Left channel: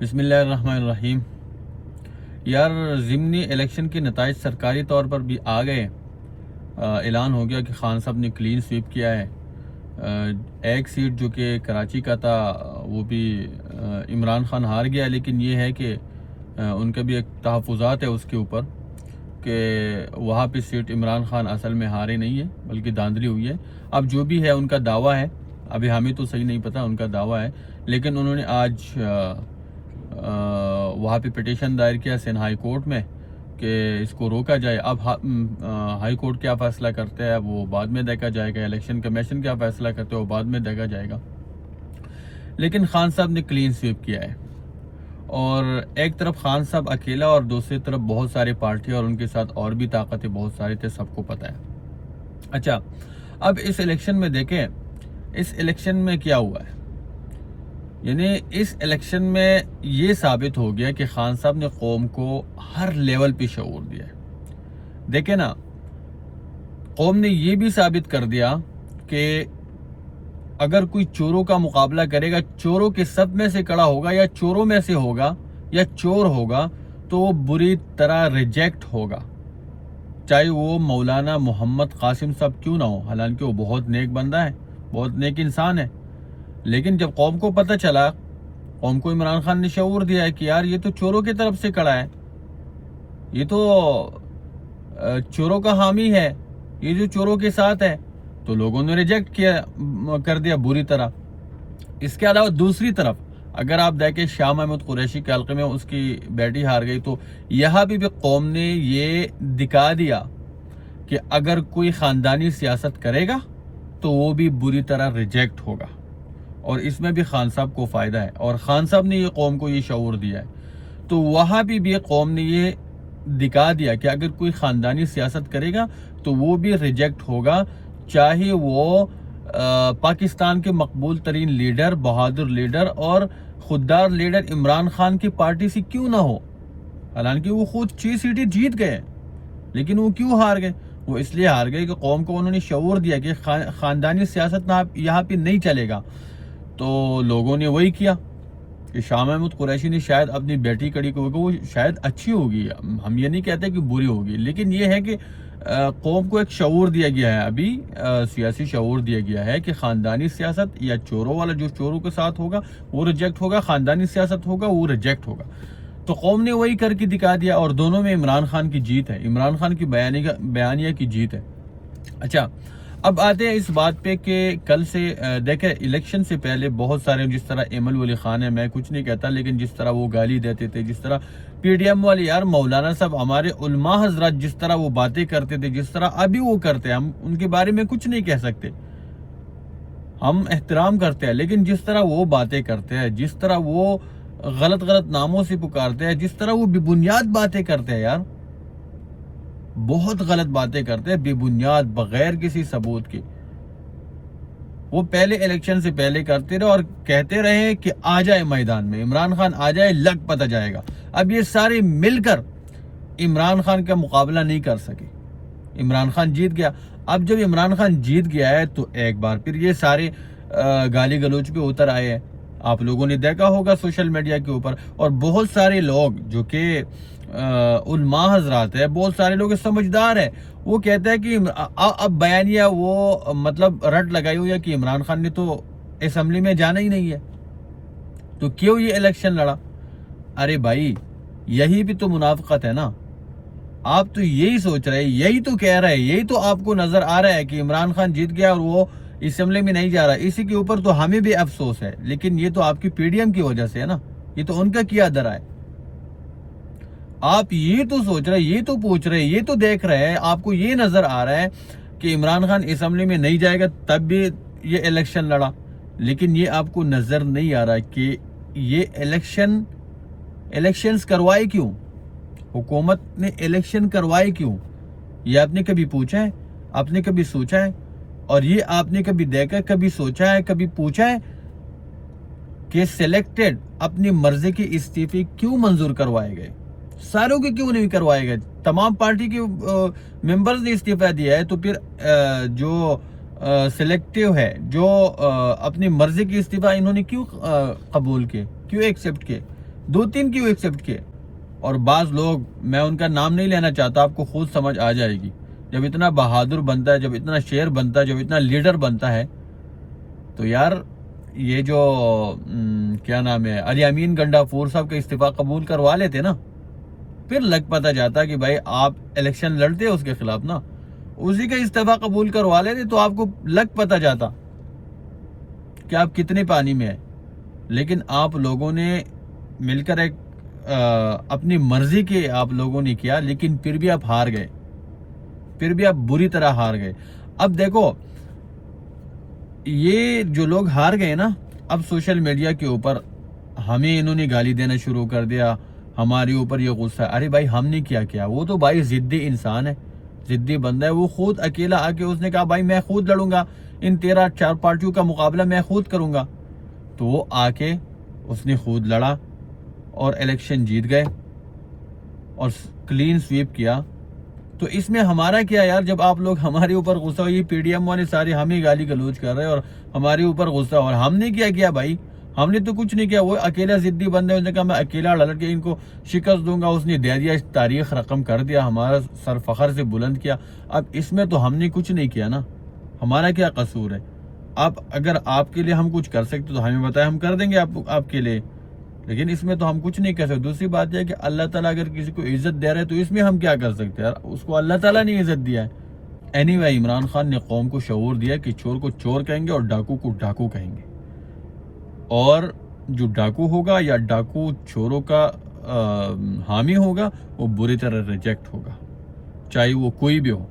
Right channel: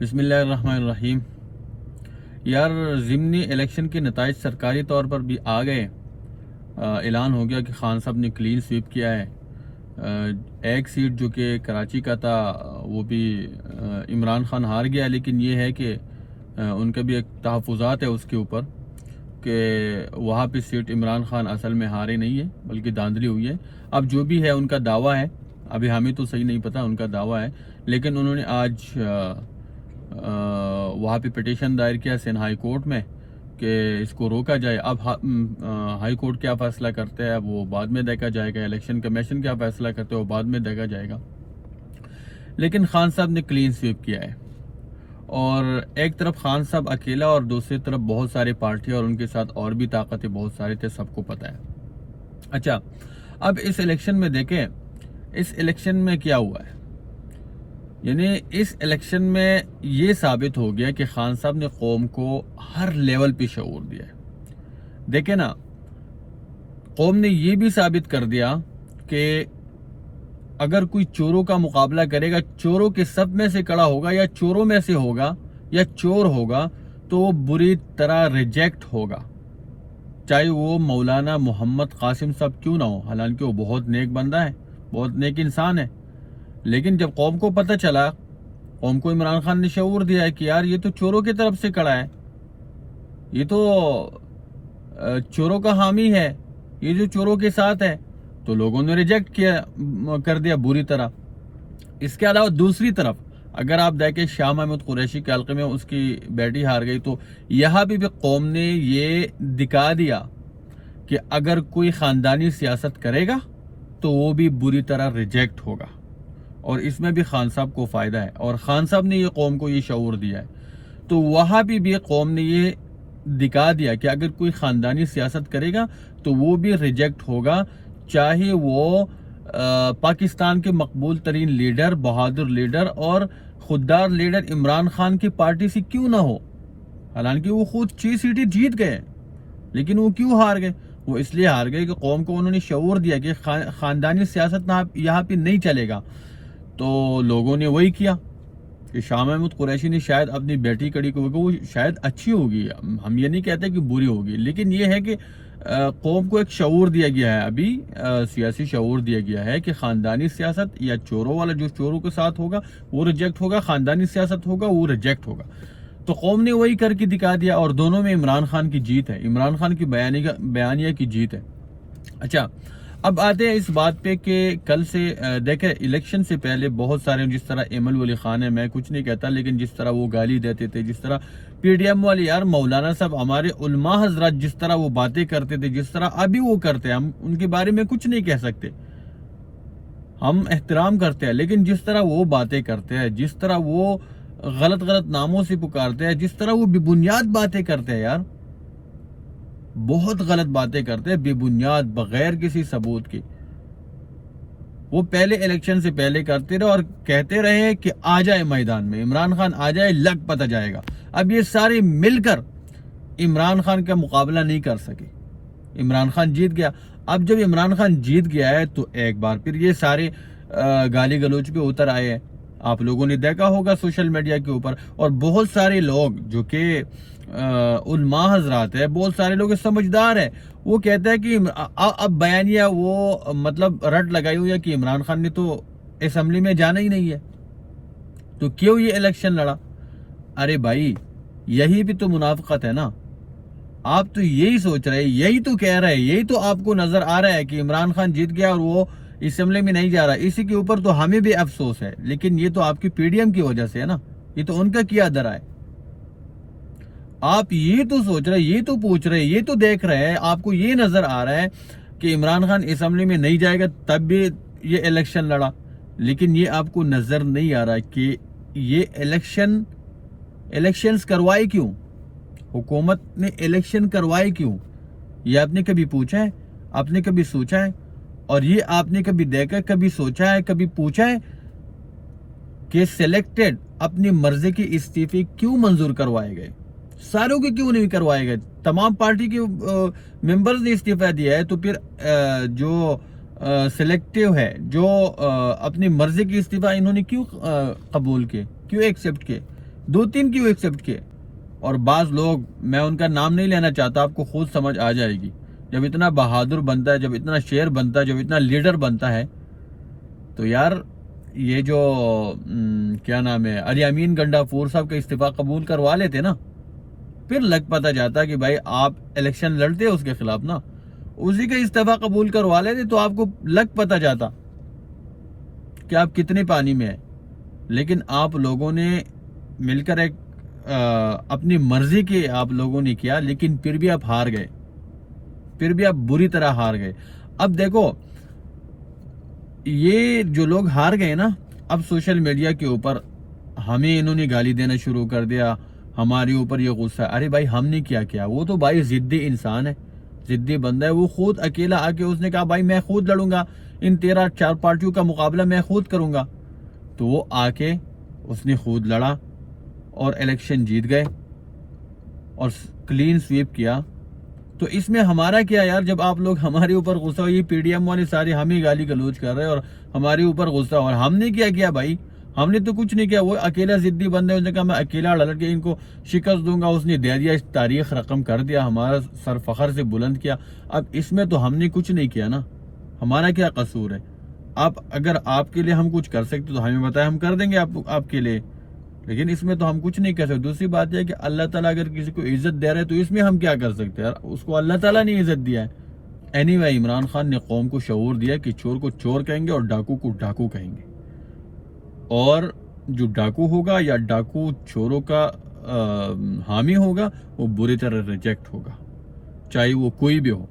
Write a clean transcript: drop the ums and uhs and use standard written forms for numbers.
بسم اللہ الرحمن الرحیم۔ یار ضمنی الیکشن کے نتائج سرکاری طور پر بھی آ گئے۔ اعلان ہو گیا کہ خان صاحب نے کلین سویپ کیا ہے۔ ایک سیٹ جو کہ کراچی کا تھا وہ بھی عمران خان ہار گیا، لیکن یہ ہے کہ ان کا بھی ایک تحفظات ہے اس کے اوپر کہ وہاں پہ سیٹ عمران خان اصل میں ہارے نہیں ہے بلکہ دھاندلی ہوئی ہے۔ اب جو بھی ہے ان کا دعویٰ ہے، ابھی ہمیں تو صحیح نہیں پتہ، ان کا دعویٰ ہے، لیکن انہوں نے آج وہاں پہ پٹیشن دائر کیا سندھ ہائی کورٹ میں کہ اس کو روکا جائے۔ اب ہائی کورٹ کیا فیصلہ کرتے ہیں وہ بعد میں دیکھا جائے گا، الیکشن کمیشن کیا فیصلہ کرتے ہیں وہ بعد میں دیکھا جائے گا، لیکن خان صاحب نے کلین سویپ کیا ہے۔ اور ایک طرف خان صاحب اکیلا اور دوسری طرف بہت سارے پارٹی اور ان کے ساتھ اور بھی طاقتیں بہت سارے تھے، سب کو پتہ ہے۔ اچھا، اب اس الیکشن میں دیکھیں اس الیکشن میں کیا ہوا ہے، یعنی اس الیکشن میں یہ ثابت ہو گیا کہ خان صاحب نے قوم کو ہر لیول پہ شعور دیا ہے۔ دیکھیں نا، قوم نے یہ بھی ثابت کر دیا کہ اگر کوئی چوروں کا مقابلہ کرے گا، چوروں کے سب میں سے کڑا ہوگا یا چوروں میں سے ہوگا یا چور ہوگا تو وہ بری طرح ریجیکٹ ہوگا، چاہے وہ مولانا محمد قاسم صاحب کیوں نہ ہو، حالانکہ وہ بہت نیک بندہ ہے، بہت نیک انسان ہے۔ لیکن جب قوم کو پتہ چلا، قوم کو عمران خان نے شعور دیا ہے کہ یار یہ تو چوروں کی طرف سے کڑا ہے، یہ تو چوروں کا حامی ہے، یہ جو چوروں کے ساتھ ہے، تو لوگوں نے ریجیکٹ کر دیا بری طرح۔ اس کے علاوہ دوسری طرف اگر آپ دیکھیں شاہ محمود قریشی کے حلقے میں اس کی بیٹی ہار گئی، تو یہاں بھی قوم نے یہ دکھا دیا کہ اگر کوئی خاندانی سیاست کرے گا تو وہ بھی بری طرح ریجیکٹ ہوگا، اور اس میں بھی خان صاحب کو فائدہ ہے، اور خان صاحب نے یہ قوم کو یہ شعور دیا ہے۔ تو وہاں بھی قوم نے یہ دکھا دیا کہ اگر کوئی خاندانی سیاست کرے گا تو وہ بھی ریجیکٹ ہوگا، چاہے وہ پاکستان کے مقبول ترین لیڈر، بہادر لیڈر اور خوددار لیڈر عمران خان کی پارٹی سے کیوں نہ ہو۔ حالانکہ وہ خود 6 سیٹیں جیت گئے، لیکن وہ کیوں ہار گئے؟ وہ اس لیے ہار گئے کہ قوم کو انہوں نے شعور دیا کہ خاندانی سیاست یہاں پہ نہیں چلے گا۔ تو لوگوں نے وہی کیا کہ شاہ محمود قریشی نے شاید اپنی بیٹی کڑی کو، وہ شاید اچھی ہوگی، ہم یہ نہیں کہتے کہ بری ہوگی، لیکن یہ ہے کہ قوم کو ایک شعور دیا گیا ہے، ابھی سیاسی شعور دیا گیا ہے کہ خاندانی سیاست یا چوروں والا جو چوروں کے ساتھ ہوگا وہ ریجیکٹ ہوگا، خاندانی سیاست ہوگا وہ ریجیکٹ ہوگا۔ تو قوم نے وہی کر کے دکھا دیا، اور دونوں میں عمران خان کی جیت ہے، عمران خان کی بیانیہ کی جیت ہے۔ اچھا، اب آتے ہیں اس بات پہ کہ کل سے دیکھیں الیکشن سے پہلے بہت سارے، جس طرح ایمل ولی خان ہے، میں کچھ نہیں کہتا، لیکن جس طرح وہ گالی دیتے تھے، جس طرح پی ڈی ایم والے، یار مولانا صاحب، ہمارے علماء حضرات جس طرح وہ باتیں کرتے تھے، جس طرح ابھی وہ کرتے ہیں، ہم ان کے بارے میں کچھ نہیں کہہ سکتے، ہم احترام کرتے ہیں، لیکن جس طرح وہ باتیں کرتے ہیں، جس طرح وہ غلط ناموں سے پکارتے ہیں، جس طرح وہ بے بنیاد باتیں کرتے ہیں، یار بہت غلط باتیں کرتے ہیں، بے بنیاد، بغیر کسی ثبوت کے۔ وہ پہلے الیکشن سے پہلے کرتے رہے اور کہتے رہے کہ آ جائے میدان میں، عمران خان آ جائے، لگ پتہ جائے گا۔ اب یہ سارے مل کر عمران خان کا مقابلہ نہیں کر سکے، عمران خان جیت گیا۔ اب جب عمران خان جیت گیا ہے تو ایک بار پھر یہ سارے گالی گلوچ پہ اتر آئے ہیں، آپ لوگوں نے دیکھا ہوگا سوشل میڈیا کے اوپر، اور بہت سارے لوگ جو کہ علماء حضرات ہے، بہت سارے لوگ سمجھدار ہیں، وہ کہتے ہیں کہ اب بیانیہ وہ مطلب رٹ لگائی ہوئی ہے کہ عمران خان نے تو اسمبلی میں جانا ہی نہیں ہے، تو کیوں یہ الیکشن لڑا؟ ارے بھائی، یہی بھی تو منافقت ہے نا۔ آپ تو یہی سوچ رہے، یہی تو کہہ رہے، یہی تو آپ کو نظر آ رہا ہے کہ عمران خان جیت گیا اور وہ اسمبلی میں نہیں جا رہا، اسی کے اوپر تو ہمیں بھی افسوس ہے، لیکن یہ تو آپ کی پی ڈی ایم کی وجہ سے ہے نا، یہ تو ان کا کیا درا ہے۔ آپ یہ تو سوچ رہے، یہ تو پوچھ رہے، یہ تو دیکھ رہے ہیں، آپ کو یہ نظر آ رہا ہے کہ عمران خان اسمبلی میں نہیں جائے گا، تب بھی یہ الیکشن لڑا، لیکن یہ آپ کو نظر نہیں آ رہا کہ یہ الیکشنز کروائے کیوں، حکومت نے الیکشن کروائے کیوں؟ یہ آپ نے کبھی پوچھا ہے؟ آپ نے کبھی سوچا ہے؟ اور یہ آپ نے کبھی دیکھا، کبھی سوچا ہے، کبھی پوچھا ہے کہ سلیکٹڈ اپنی مرضی کے استعفے کیوں منظور کروائے گئے؟ ساروں کے کیوں نہیں کروائے گئے؟ تمام پارٹی کے ممبرز نے استعفیٰ دیا ہے، تو پھر جو سلیکٹیو ہے، جو اپنی مرضی کی استعفیٰ انہوں نے کیوں قبول کیے، کیوں ایکسیپٹ کیے؟ 2-3 کیوں ایکسیپٹ کیے؟ اور بعض لوگ، میں ان کا نام نہیں لینا چاہتا، آپ کو خود سمجھ آ جائے گی، جب اتنا بہادر بنتا ہے، جب اتنا شیر بنتا ہے، جب اتنا لیڈر بنتا ہے، تو یار یہ جو کیا نام ہے، علی امین گنڈا پور صاحب کا استعفیٰ قبول کروا لیتے نا، پھر لگ پتہ جاتا کہ بھائی آپ الیکشن لڑتے اس کے خلاف نا، اسی کا استعفیٰ قبول کروا لیتے تو آپ کو لگ پتہ جاتا کہ آپ کتنے پانی میں ہیں۔ لیکن آپ لوگوں نے مل کر ایک اپنی مرضی کے آپ لوگوں نے کیا، لیکن پھر بھی آپ ہار گئے، پھر بھی آپ بری طرح ہار گئے۔ اب دیکھو یہ جو لوگ ہار گئے نا، اب سوشل میڈیا کے اوپر ہمیں انہوں نے گالی دینا شروع کر دیا، ہمارے اوپر یہ غصہ ہے۔ ارے بھائی ہم نے کیا وہ تو بھائی ضدی انسان ہے، ضدی بندہ ہے، وہ خود اکیلا آ کے اس نے کہا بھائی میں خود لڑوں گا، ان 13-4 پارٹیوں کا مقابلہ میں خود کروں گا، تو وہ آ کے اس نے خود لڑا اور الیکشن جیت گئے اور کلین سویپ کیا۔ تو اس میں ہمارا کیا یار؟ جب آپ لوگ ہمارے اوپر غصہ ہو، یہ پی ڈی ایم والے سارے ہمیں گالی گلوچ کر رہے ہیں اور ہمارے اوپر غصہ ہو، اور ہم نے کیا بھائی؟ ہم نے تو کچھ نہیں کیا، وہ اکیلا ضدی بندہ ہے، اس نے کہا میں اکیلا لڑ کے ان کو شکست دوں گا، اس نے دے دیا، تاریخ رقم کر دیا، ہمارا سر فخر سے بلند کیا۔ اب اس میں تو ہم نے کچھ نہیں کیا نا، ہمارا کیا قصور ہے؟ اگر آپ کے لیے ہم کچھ کر سکتے تو ہمیں بتائیں، ہم کر دیں گے آپ کے لیے، لیکن اس میں تو ہم کچھ نہیں کر سکتے۔ دوسری بات یہ کہ اللہ تعالیٰ اگر کسی کو عزت دے رہے تو اس میں ہم کیا کر سکتے ہیں؟ اس کو اللہ تعالیٰ نے عزت دیا ہے۔ اینی وے عمران خان نے قوم کو شعور دیا کہ چور کو چور کہیں گے اور ڈاکو کو ڈاکو کہیں گے، اور جو ڈاکو ہوگا یا ڈاکو چوروں کا حامی ہوگا وہ بری طرح ریجیکٹ ہوگا، چاہے وہ کوئی بھی ہو۔